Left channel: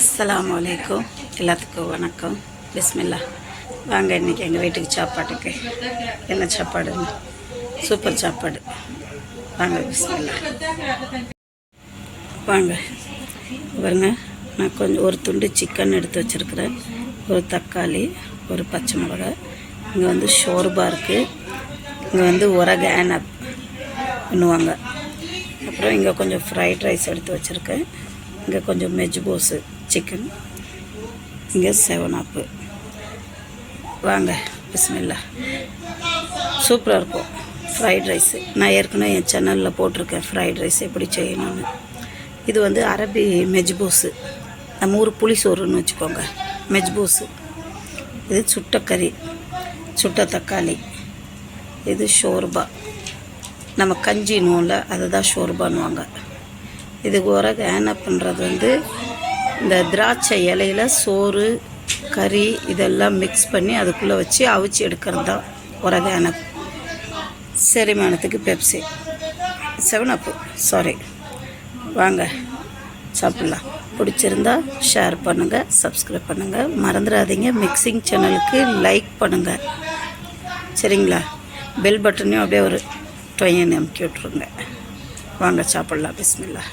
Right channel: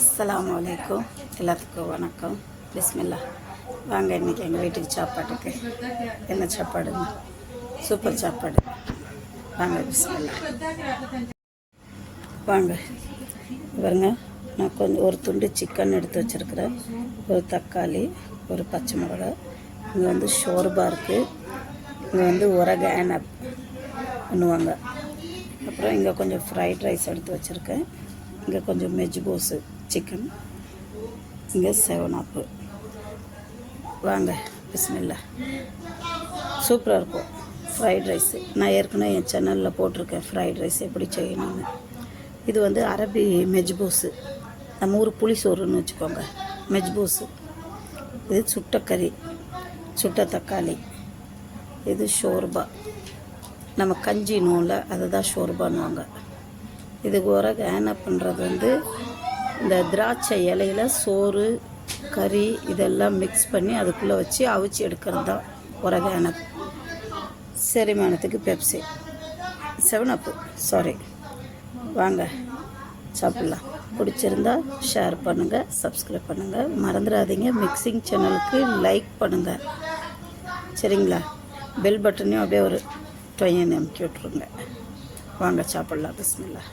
அஸ்ஸலாமு அலைக்கும். எல்லாத்துக்கும் வணக்கம். பிஸ்மில்லா. வாங்க இன்றைக்கி எங்கள் வீட்டுக்கு சாப்பாட்டுக்கு என்ன சாப்பாடுங்க? சூப்பர் சாப்பாடு. வாங்க பிஸ்மில்லா. வாங்க பாருங்க, நான் கொஞ்சம் ஒரு துண்டு சிக்கன் எடுத்து வச்சுருக்கிறேன், ஒரு தக்காளி, ஒரு பச்சை மிளகாய், இங்கே வந்து ஷோர்பா இருக்குது, இங்கே வந்து ஒரகானப் பண்ணுவாங்க, அப்புறம் இங்கே கொஞ்சம் ஃப்ரைட் ரைஸ் எடுத்து வச்சுருக்கேன், இங்கே கொஞ்சம் மெஜ்பூஸு சிக்கன், இங்கே 7 அப். வாங்க பிஸ்மில்லா. சூப்பராக இருக்கும் ஃப்ரைட் ரைஸு. நான் ஏற்கனவே என் சேனலில் போட்டிருக்கேன் ஃப்ரைட் ரைஸ் எப்படி செய்யணும்னு. இது வந்து அரபி மெஜ்பூஸு, நம்ம ஊர் புளிசோறுன்னு வச்சுக்கோங்க. மெஜ்பூஸு இது சுட்ட கறி, சுட்ட தக்காளி, இது ஷோர்பா, நம்ம கஞ்சி நூலில் அதுதான் ஷோர்பான்னுவாங்க. இது ஒரகானப் பண்ணுறது வந்து இந்த திராட்சை இலையில் சோறு கறி இதெல்லாம் மிக்ஸ் பண்ணி அதுக்குள்ளே வச்சு அவிச்சு எடுக்கிறது தான் ஒரகானப். செரிமானத்துக்கு பெப்சி, 7 அப், சாரி. வாங்க சாப்பிட்லாம். பிடிச்சிருந்தா ஷேர் பண்ணுங்கள், சப்ஸ்கிரைப் பண்ணுங்கள், மறந்துடாதீங்க. மிக்சிங் சேனலுக்கு லைக் பண்ணுங்கள், சரிங்களா? பெல் பட்டனையும் அப்படியே ஒரு டொயன் அமுக்கி விட்ருங்க. வாங்க சாப்பிட்லாம். பிஸ்மில்லா.